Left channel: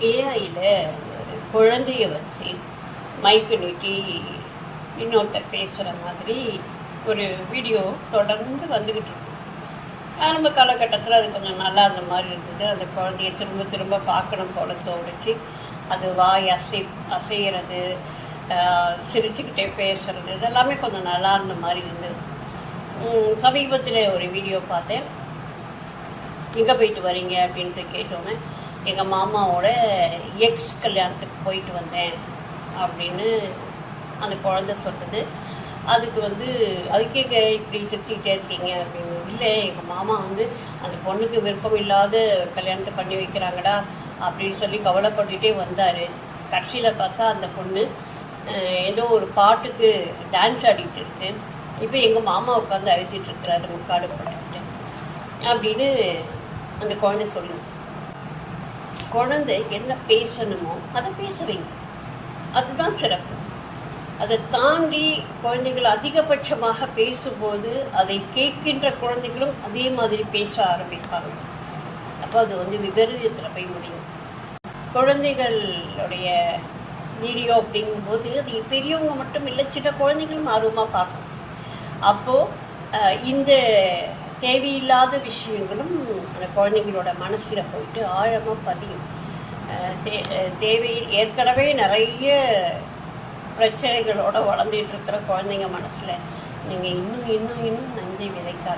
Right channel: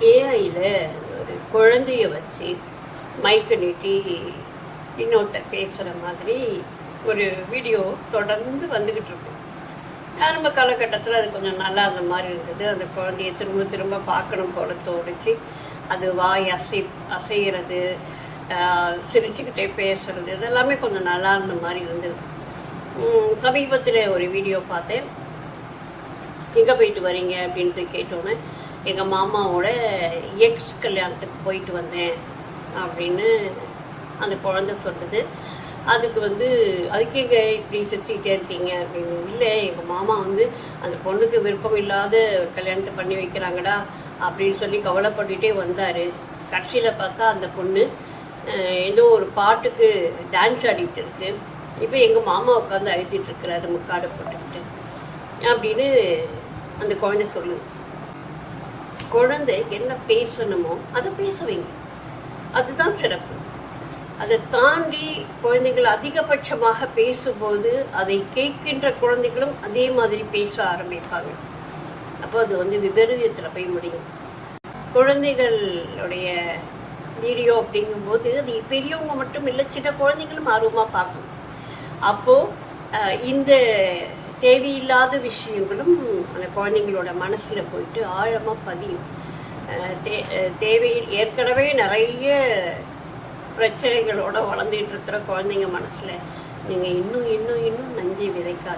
ஏஐயில் ஒரு குழந்தைய வச்சு மைக்கு நீட்டி இன்னொருத்தர் பேசுகிற மாதிரி ஒரு வீடியோ தொடர்ந்து வந்துக்கிட்டு இருக்கு. ஆரம்ப காலகட்டத்தில் அது கொஞ்சம் நல்லா இருந்த மாதிரி இருந்தது. அந்த குழந்தைய திரும்ப திரும்ப பார்க்கணும் போல தோணுச்சு. அது வாய் அசை அசைகிறது சிரிச்சுக்கிட்டே பேசுறது இதெல்லாமே கொஞ்சம் நல்லா இருந்த மாதிரி இருந்தது. சமீபத்தில் ஒரு வீடியோ பார்த்தேன். எங்கே போயிட்டு வரீங்க? அப்படின்னு சொல்லி கேட்டோன்னே எங்கள் மாமாவோட எக்ஸ் கல்யாணத்துக்கு போயிட்டு வந்தேன் அப்படின்னு அந்த குழந்தை சொல்லுது. அதுக்கு வந்து அதுக்கு எங்கே இப்படி சுற்றிக்கிட்டே இருக்கீங்க அப்படின்னு. இல்லை எங்கள் மாமா வந்து அந்த பொண்ணுக்கு விருப்பம் இல்லாத கல்யாணத்தை பண்ணி வைக்கிறாங்கடா அப்படின்னு சொல்லி கவலைப்பட்டுகிட்டே வந்தார். கடைசியில் பார்த்தா அந்த பொண்ணு ஏதோ ஒரு பாட்டுக்கு டான்ஸ் ஆடிட்டு இருக்கு. இப்போ எங்கள் மாமா உட்காந்து அழுத்திட்டு இருக்கிறாரு முக்காடு போடாட்டு அப்படின்னு அந்த குழந்தை சொல்லுது. குழந்தை என்ன பேசணுமோ அதை பேச வைங்க அதுதான் சிறப்பு. அதை தாண்டி குழந்தைகள் அதிகபட்சமாக பேசும்போது அதை கேட்கின்ற குழந்தைகளும் அதே மாதிரி பேச ஆரம்பிப்பாங்க. அப்போ அது வந்து விபரீதத்தில் போய் முடியும். குழந்தைகளுடைய வீடியோ அப்படிங்கும்போது அது பெரியவங்க மட்டும் இல்லை சின்ன குழந்தைகளும் ஆர்வமாக பார்க்கணும். அப்போது அஹ், இந்த தேவையில்லாத விஷயங்களும் அந்த குழந்தைங்களோட மனசில் போயிட்டு ஆழமாக பதியும் தே- தேவை ஏற்கனவே நிறைய பிரச்சனைகளோட வளர்ந்துட்டு இருக்கிற குழந்தைங்க மனசில் நீங்கள் இன்னும் இன்னும் இன்னும் நஞ்சை விதைக்காது